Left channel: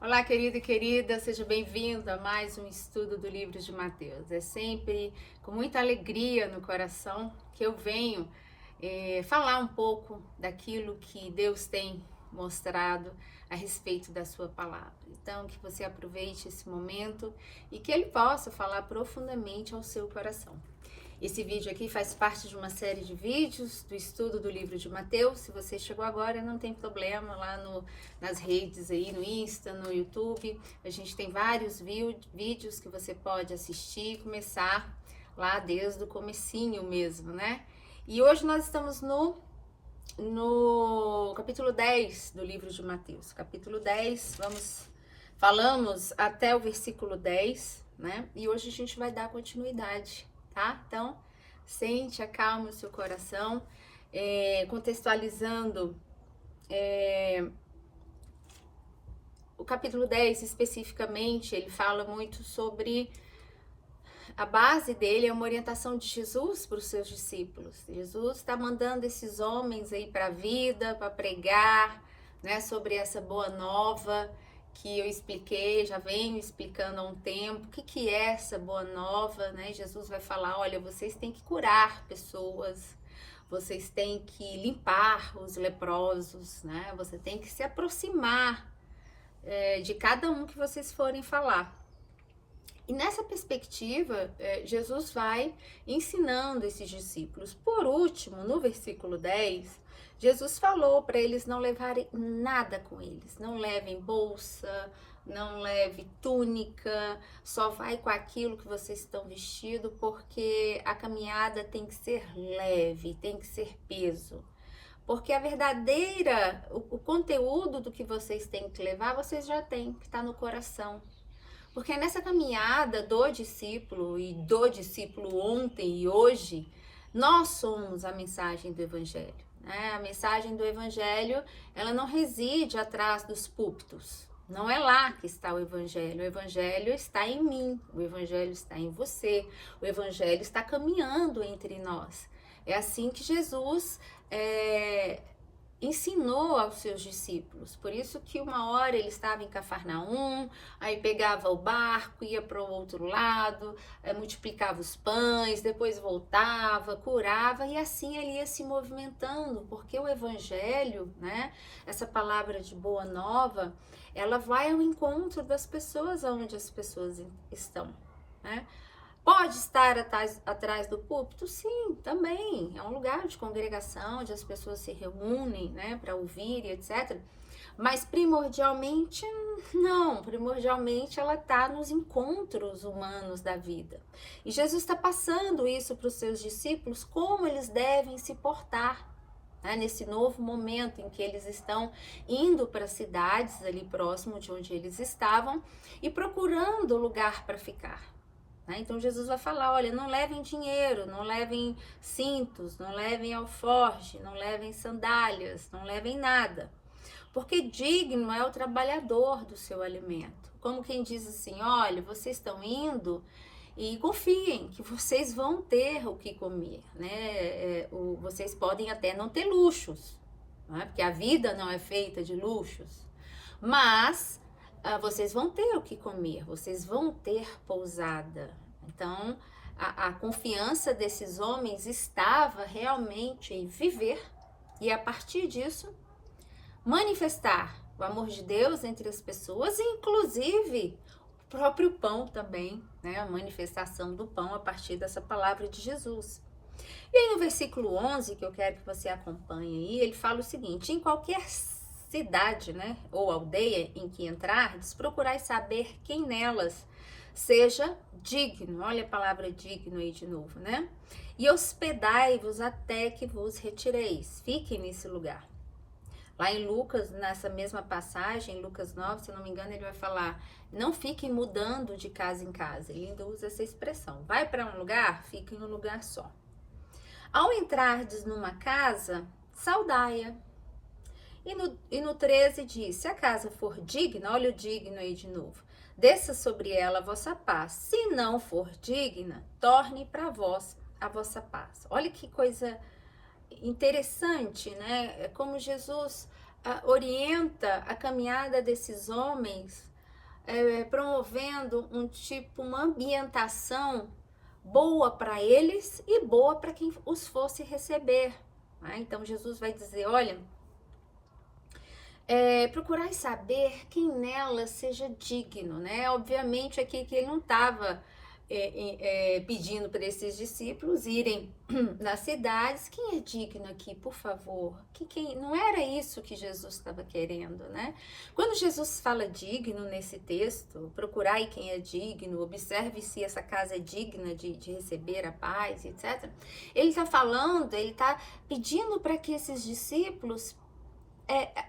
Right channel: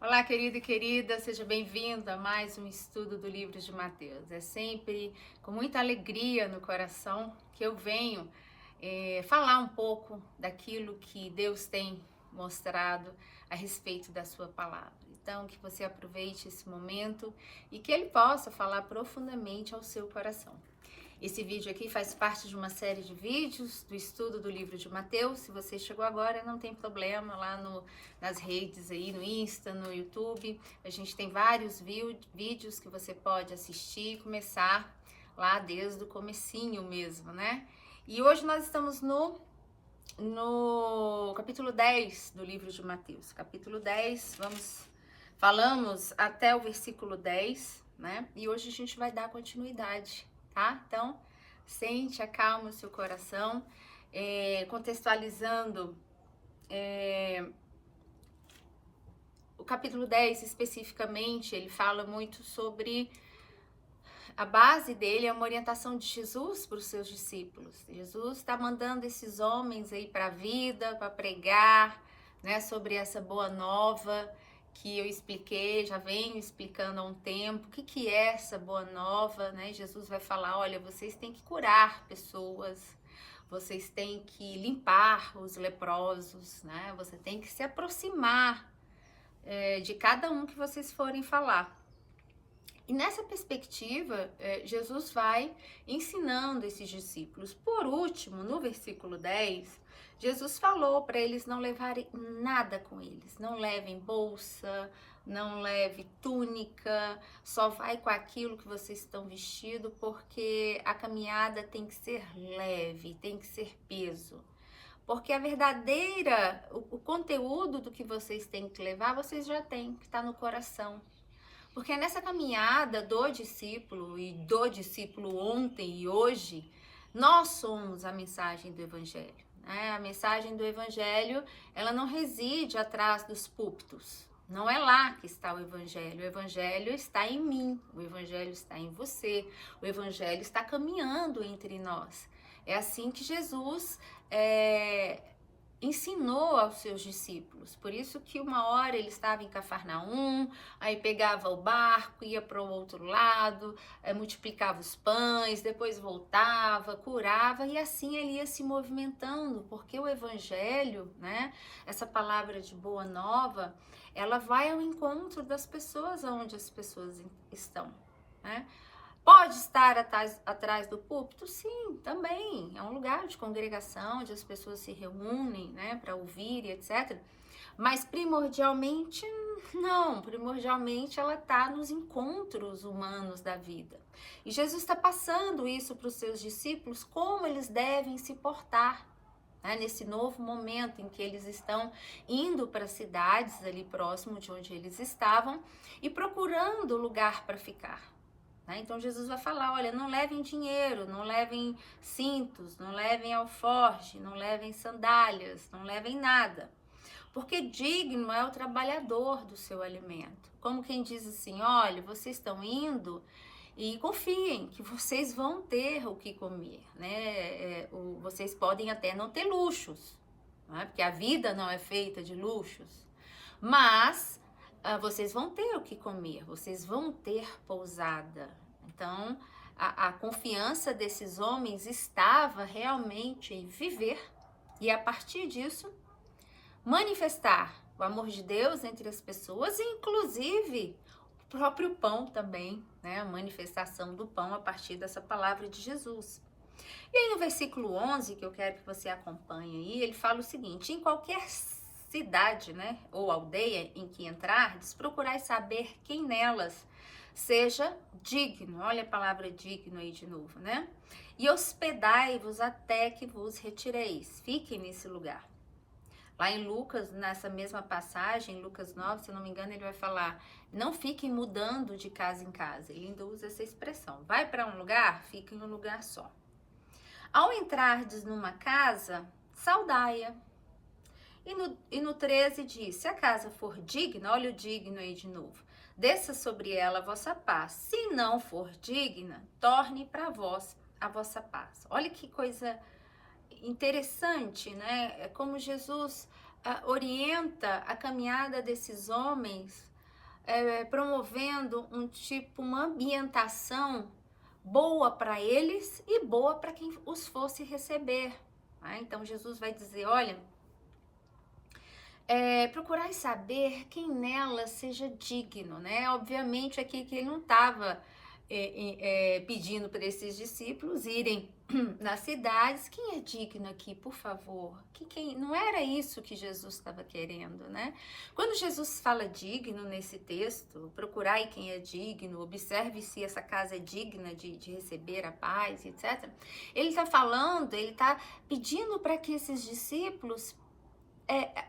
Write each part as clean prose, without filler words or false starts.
Olá, querido e querida, seja bem-vindo a mais um estudo do livro de Mateus. É sempre com muita alegria no coração que eu venho falar um pouco daquilo que Deus tem mostrado a respeito da sua palavra. Então, que você aproveite esse momento e que Ele possa falar profundamente ao seu coração. Esse vídeo aqui faz parte de uma série de vídeos do estudo do livro de Mateus. Se você chegou agora, não tem problema, lá nas redes aí, no Insta, no YouTube. A gente tem vários vídeos que você pode assistir e começar lá desde o comecinho mesmo, né? E hoje nós estamos no capítulo 10 do livro de Mateus. Capítulo 10, falamos até o versículo 10, né? E hoje a gente vai dar continuidade, tá? Então, sente, acalma o seu coração, contextualizando o capítulo 10 especificamente, ele fala muito sobre a base dele, é uma orientação de Jesus para os seus discípulos. Jesus está mandando esses homens aí para a vida, para pregar, né, sobre essa boa nova que eu expliquei, já venho explicando há um tempo. O que é essa boa nova, né? Jesus vai falar, olha, vocês têm que curar pessoas, vocês têm que limpar os leprosos, né? Você tem que se aproximar de cada um que vocês forem falar. E nessa perspectiva, Jesus vai ensinando esses discípulos. Por último, no versículo 10, Jesus falou para eles não levarem nada com eles. Não levem bolsa, não leve túnica, só vai com aquilo que vocês estão vestidos, porque a caminhada tem que ser leve, tem que ser peso. Porque a verdadeira, o conteúdo do que vocês têm que levar, vocês já têm, que está no coração. Porque nessa caminhada do discípulo e do discípulo ontem e hoje, nós somos a mensagem do Evangelho, né? A mensagem do Evangelho, ela não reside atrás dos púlpitos. Não é lá que está o Evangelho está em mim, o Evangelho está em você, o Evangelho está caminhando entre nós. É assim que Jesus ensinou aos seus discípulos. Por isso que uma hora ele estava em Cafarnaum, aí pegava o barco, ia para o outro lado, multiplicava os pães, depois voltava, curava, e assim ele ia se movimentando, porque o evangelho, né, essa palavra de boa nova, ela vai ao encontro das pessoas onde as pessoas estão, né? Pode estar atrás do púlpito? Sim, também. É um lugar de congregação, onde as pessoas se reúnem, né, para ouvir e etc. Mas primordialmente, não. Primordialmente, ela está nos encontros humanos da vida. E Jesus está passando isso para os seus discípulos, como eles devem se portar, né, nesse novo momento em que eles estão indo para cidades ali próximo de onde eles estavam e procurando lugar para ficar. Então Jesus vai falar, olha, não levem dinheiro, não levem cintos, não levem alforje, não levem sandálias, não levem nada. Porque digno é o trabalhador do seu alimento. Como quem diz assim, olha, vocês estão indo e confiem que vocês vão ter o que comer, né? Vocês podem até não ter luxos, né? Porque a vida não é feita de luxos, mas vocês vão ter o que comer, vocês vão ter pousada. Então, a confiança desses homens estava realmente em viver e, a partir disso, manifestar o amor de Deus entre as pessoas, inclusive o próprio pão também, né? A manifestação do pão a partir dessa palavra de Jesus. E aí no versículo 11, que eu quero que você acompanhe aí, ele fala o seguinte, em qualquer cidade, né, ou aldeia em que entrardes, procurai saber quem nelas seja digno, olha a palavra digno aí de novo, né? E hospedai-vos até que vos retireis, fiquem nesse lugar. Lá em Lucas, nessa mesma passagem, Lucas 9, se não me engano, ele vai falar, não fiquem mudando de casa em casa, ele ainda usa essa expressão, vai para um lugar, fica em um lugar só. Ao entrardes numa casa, saudai-a. E no 13 diz, se a casa for digna, olha o digno aí de novo, desça sobre ela a vossa paz. Se não for digna, torne para vós a vossa paz. Olha que coisa interessante, né? Como Jesus orienta a caminhada desses homens promovendo uma ambientação boa para eles e boa para quem os fosse receber. Né? Então Jesus vai dizer, olha, procurai saber quem nela seja digno, né? Obviamente aqui que ele não estava pedindo para esses discípulos irem nas cidades. Quem é digno aqui, por favor? Não era isso que Jesus estava querendo, né? Quando Jesus fala digno nesse texto, procurai quem é digno, observe se essa casa é digna de receber a paz, etc. Ele está pedindo para que esses discípulos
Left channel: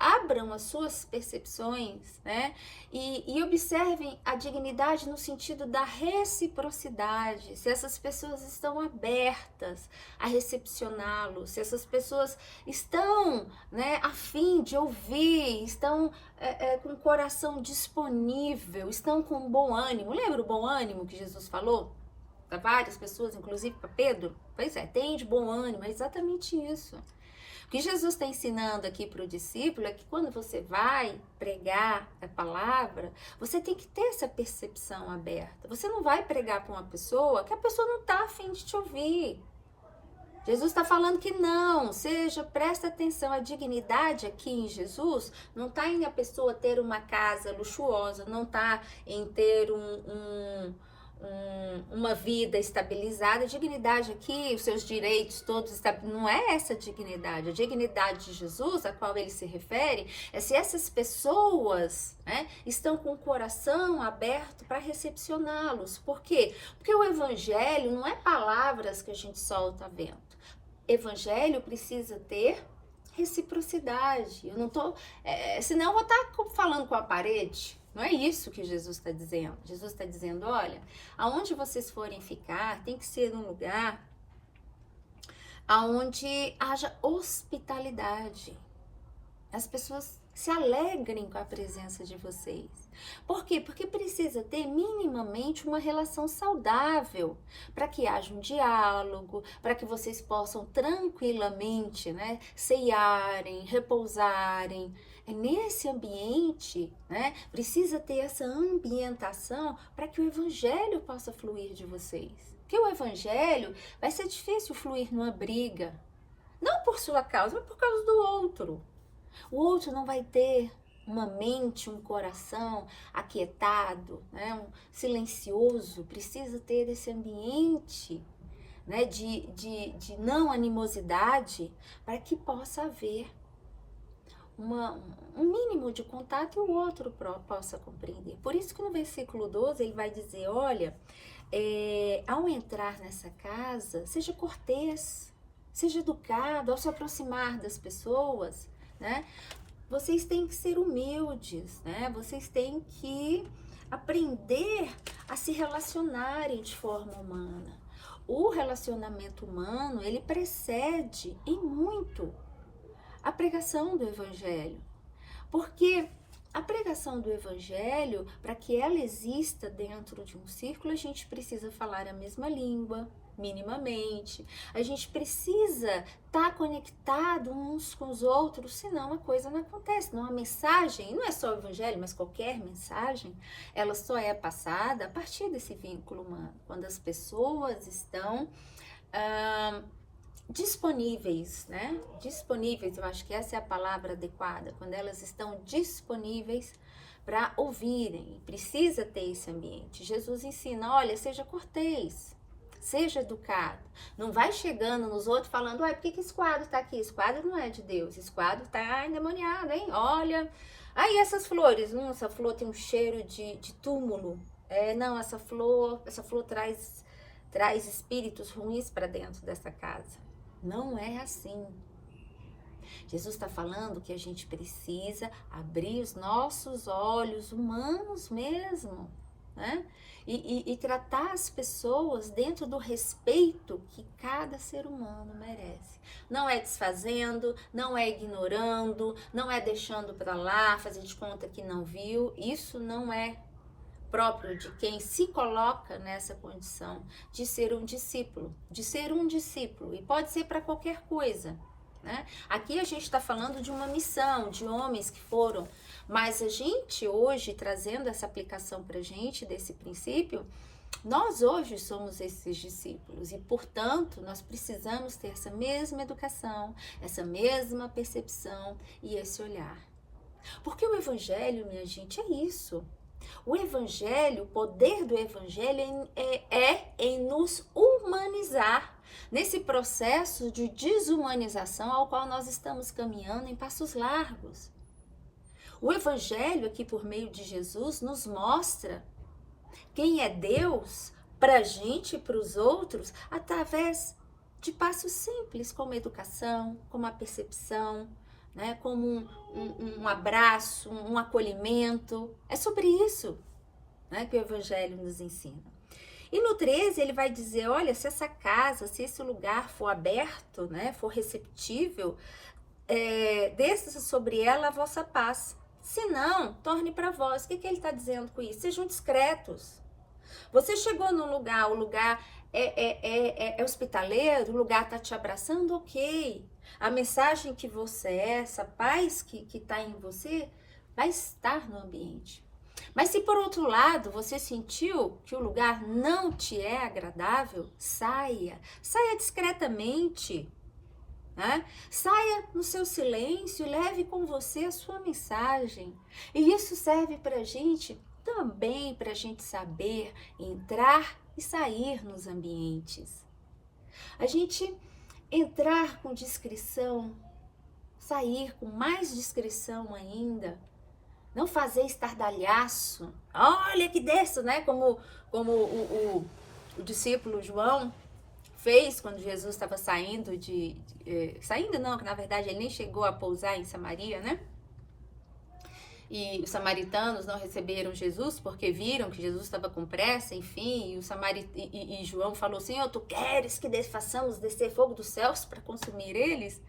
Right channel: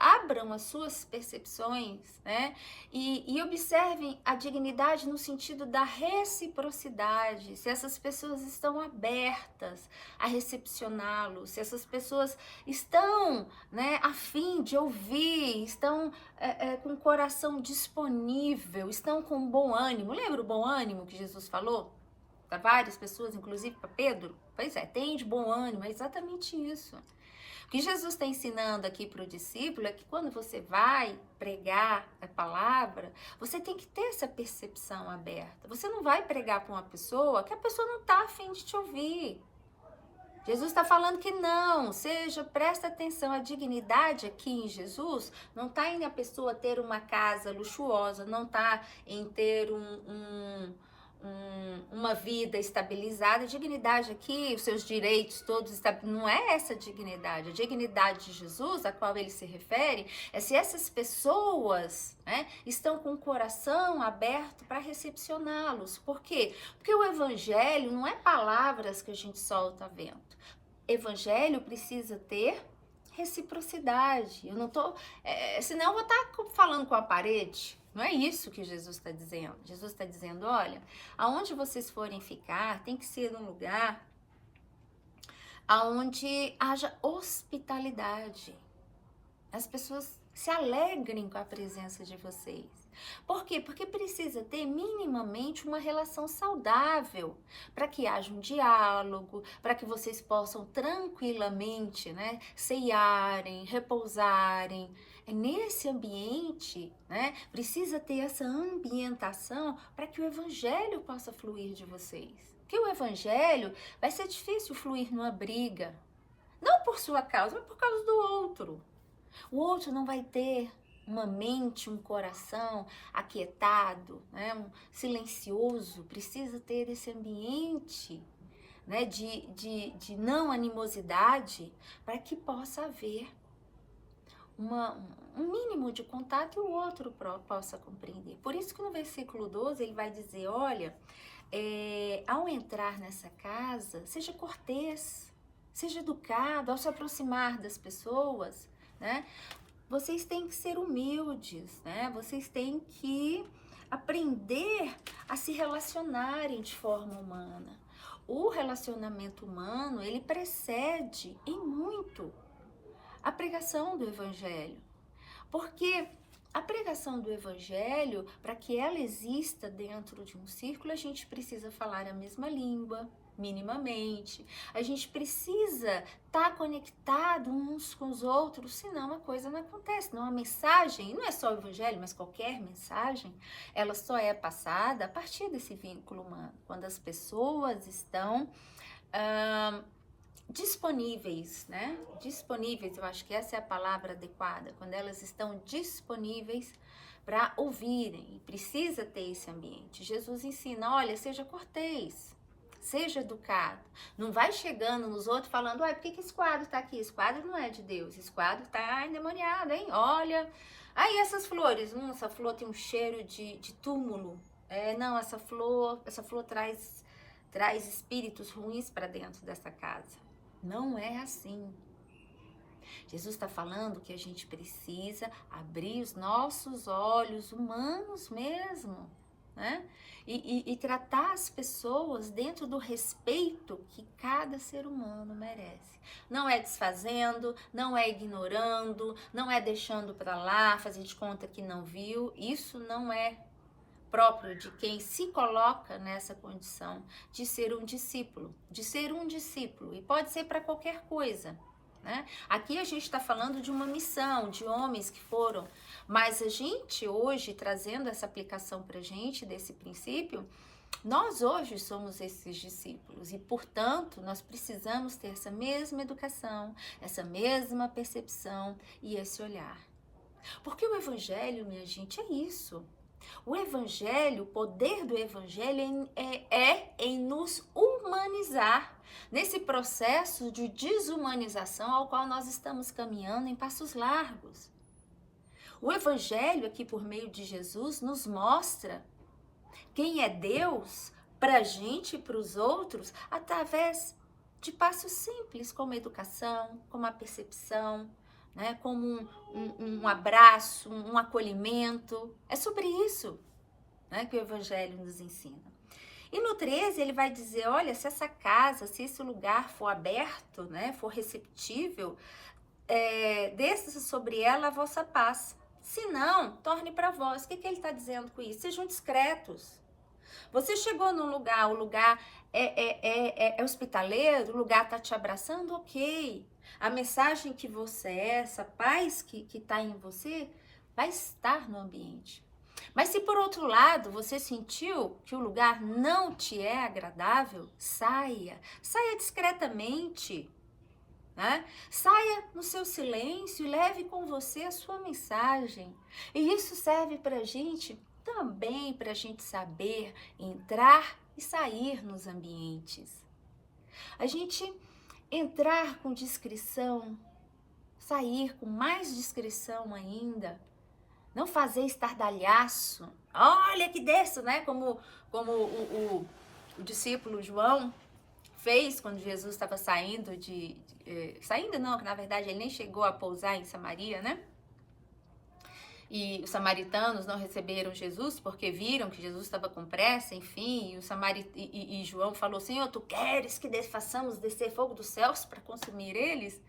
abram as suas percepções, né? E observem a dignidade no sentido da reciprocidade, se essas pessoas estão abertas a recepcioná-lo, se essas pessoas estão, né, a fim de ouvir, estão com o coração disponível, estão com bom ânimo. Lembra o bom ânimo que Jesus falou para várias pessoas, inclusive para Pedro? Pois é, tem de bom ânimo, é exatamente isso. O que Jesus está ensinando aqui para o discípulo é que quando você vai pregar a palavra, você tem que ter essa percepção aberta. Você não vai pregar para uma pessoa que a pessoa não está a fim de te ouvir. Jesus está falando que não, presta atenção, a dignidade aqui em Jesus não está em a pessoa ter uma casa luxuosa, não está em ter uma vida estabilizada. A dignidade aqui, os seus direitos todos, não é essa dignidade. A dignidade de Jesus, a qual ele se refere, é se essas pessoas, né, estão com o coração aberto para recepcioná-los. Por quê? Porque o evangelho não é palavras que a gente solta a vento. Evangelho precisa ter reciprocidade. Eu não tô, senão eu vou estar falando com a parede. Não é isso que Jesus está dizendo. Jesus está dizendo, olha, aonde vocês forem ficar, tem que ser um lugar aonde haja hospitalidade. As pessoas se alegrem com a presença de vocês. Por quê? Porque precisa ter minimamente uma relação saudável, para que haja um diálogo, para que vocês possam tranquilamente, né, ceiarem, repousarem. É nesse ambiente, né, precisa ter essa ambientação para que o evangelho possa fluir de vocês. Porque o evangelho vai ser difícil fluir numa briga, não por sua causa, mas por causa do outro. O outro não vai ter uma mente, um coração aquietado, né, silencioso. Precisa ter esse ambiente, né, de não animosidade, para que possa haver um mínimo de contato e o outro possa compreender. Por isso que no versículo 12 ele vai dizer, olha, ao entrar nessa casa, seja cortês, seja educado, ao se aproximar das pessoas, né? Vocês têm que ser humildes, né? Vocês têm que aprender a se relacionarem de forma humana. O relacionamento humano, ele precede em muito a pregação do evangelho. Porque a pregação do evangelho, para que ela exista dentro de um círculo, a gente precisa falar a mesma língua, minimamente. A gente precisa estar conectado uns com os outros, senão a coisa não acontece. Não, a mensagem, não é só o evangelho, mas qualquer mensagem, ela só é passada a partir desse vínculo humano. Quando as pessoas estão disponíveis, né? Disponíveis, eu acho que essa é a palavra adequada. Quando elas estão disponíveis para ouvirem, e precisa ter esse ambiente. Jesus ensina, olha, seja cortês, seja educado. Não vai chegando nos outros falando, por que esse quadro tá aqui? Esse quadro não é de Deus, esse quadro tá endemoniado, hein? Olha, aí essas flores, essa flor tem um cheiro de túmulo. Não, essa flor traz espíritos ruins para dentro dessa casa. Não é assim. Jesus está falando que a gente precisa abrir os nossos olhos humanos mesmo, né? E tratar as pessoas dentro do respeito que cada ser humano merece. Não é desfazendo, não é ignorando, não é deixando para lá, fazer de conta que não viu. Isso não é próprio de quem se coloca nessa condição de ser um discípulo, e pode ser para qualquer coisa, né? Aqui a gente está falando de uma missão, de homens que foram Mas a gente hoje, trazendo essa aplicação para a gente desse princípio, nós hoje somos esses discípulos e, portanto, nós precisamos ter essa mesma educação, essa mesma percepção e esse olhar. Porque o evangelho, minha gente, é isso. O evangelho, o poder do evangelho é em nos humanizar, nesse processo de desumanização ao qual nós estamos caminhando em passos largos. O evangelho aqui por meio de Jesus nos mostra quem é Deus para a gente e para os outros através de passos simples, como a educação, como a percepção, né? Como um abraço, um acolhimento. É sobre isso, né, que o Evangelho nos ensina. E no 13 ele vai dizer, olha, se essa casa, se esse lugar for aberto, né, for receptível, desça sobre ela a vossa paz. Se não, torne para vós. O que ele está dizendo com isso? Sejam discretos. Você chegou num lugar, o lugar é hospitaleiro, o lugar está te abraçando, ok. A mensagem que você é, essa paz que está em você, vai estar no ambiente. Mas se por outro lado você sentiu que o lugar não te é agradável, saia discretamente. Né? Saia no seu silêncio e leve com você a sua mensagem. E isso serve para a gente também, para a gente saber entrar e sair nos ambientes. A gente entrar com discrição, sair com mais discrição ainda, não fazer estardalhaço. Olha que desse, né? Como o discípulo João fez quando Jesus estava saindo saindo não, que na verdade ele nem chegou a pousar em Samaria, né? E os samaritanos não receberam Jesus porque viram que Jesus estava com pressa, enfim, e João falou, Senhor, tu queres que façamos descer fogo dos céus para consumir eles?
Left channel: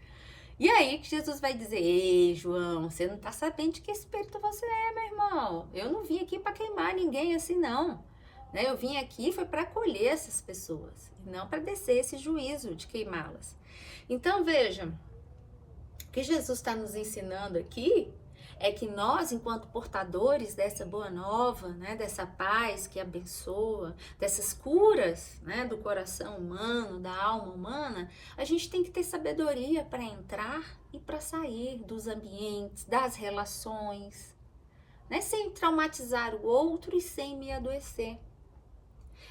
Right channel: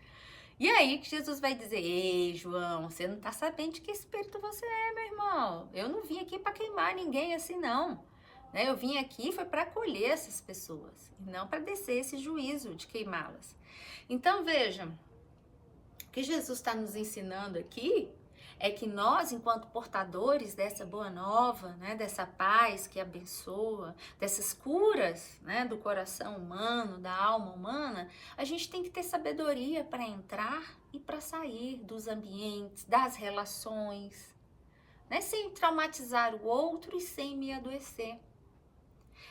E aí que Jesus vai dizer, ei, João, você não tá sabendo de que espírito você é, meu irmão. Eu não vim aqui para queimar ninguém assim, não. Né? Eu vim aqui foi para acolher essas pessoas, e não para descer esse juízo de queimá-las. Então, veja, o que Jesus está nos ensinando aqui é que nós, enquanto portadores dessa boa nova, né, dessa paz que abençoa, dessas curas, né, do coração humano, da alma humana, a gente tem que ter sabedoria para entrar e para sair dos ambientes, das relações, né, sem traumatizar o outro e sem me adoecer.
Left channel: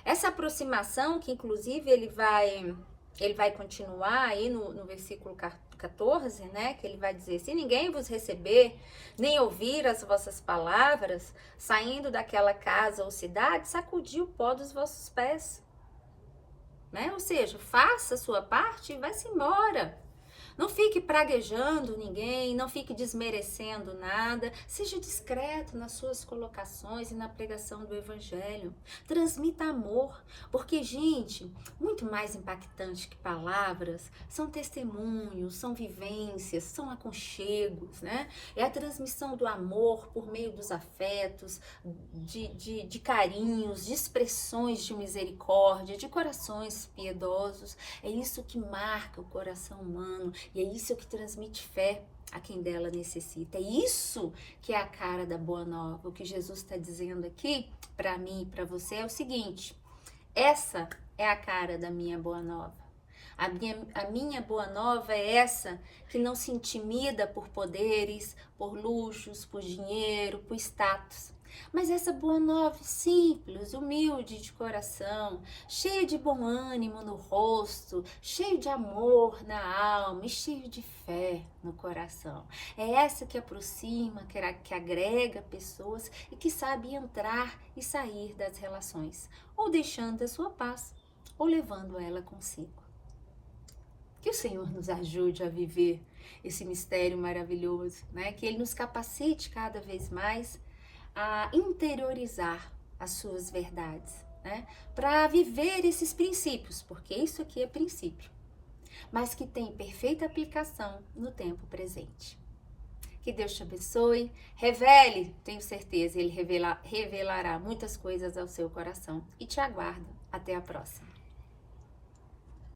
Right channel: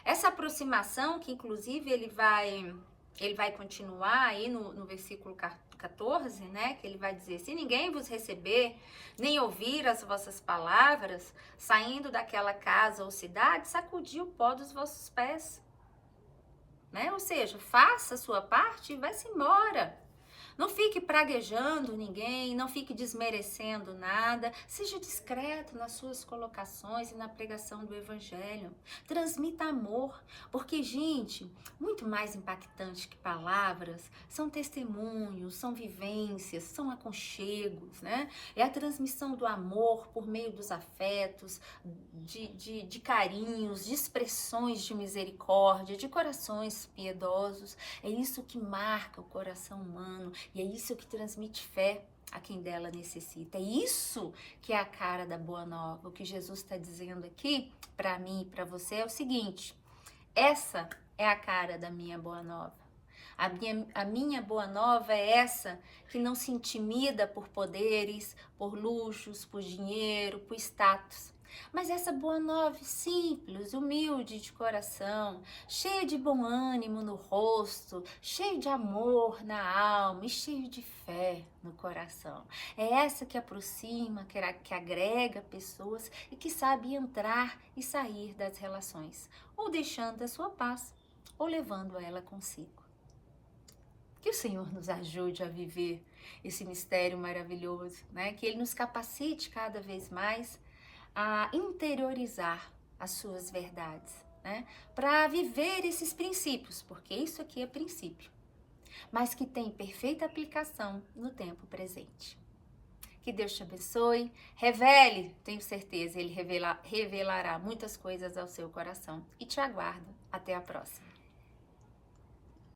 Essa aproximação, que inclusive ele vai continuar aí no versículo 14, né, que ele vai dizer, se ninguém vos receber, nem ouvir as vossas palavras, saindo daquela casa ou cidade, sacudi o pó dos vossos pés. Né? Ou seja, faça a sua parte e vai-se embora. Não fique praguejando ninguém, não fique desmerecendo nada. Seja discreto nas suas colocações e na pregação do evangelho. Transmita amor, porque, gente, muito mais impactante que palavras são testemunhos, são vivências, são aconchegos, né? É a transmissão do amor por meio dos afetos, de carinhos, de expressões de misericórdia, de corações piedosos. É isso que marca o coração humano. E é isso que transmite fé a quem dela necessita. É isso que é a cara da Boa Nova. O que Jesus está dizendo aqui para mim e para você é o seguinte: essa é a cara da minha Boa Nova. A minha Boa Nova é essa que não se intimida por poderes, por luxos, por dinheiro, por status. Mas essa boa nova simples, humilde de coração, cheia de bom ânimo no rosto, cheio de amor na alma e cheio de fé no coração. É essa que aproxima, que agrega pessoas e que sabe entrar e sair das relações, ou deixando a sua paz, ou levando ela consigo. Que o Senhor nos ajude a viver esse mistério maravilhoso, né? Que Ele nos capacite cada vez mais a interiorizar as suas verdades, né? Para viver esses princípios, porque isso aqui é princípio, mas que tem perfeita aplicação no tempo presente. Que Deus te abençoe, revele, tenho certeza, Ele revelará muitas coisas ao seu coração e te aguardo. Até a próxima.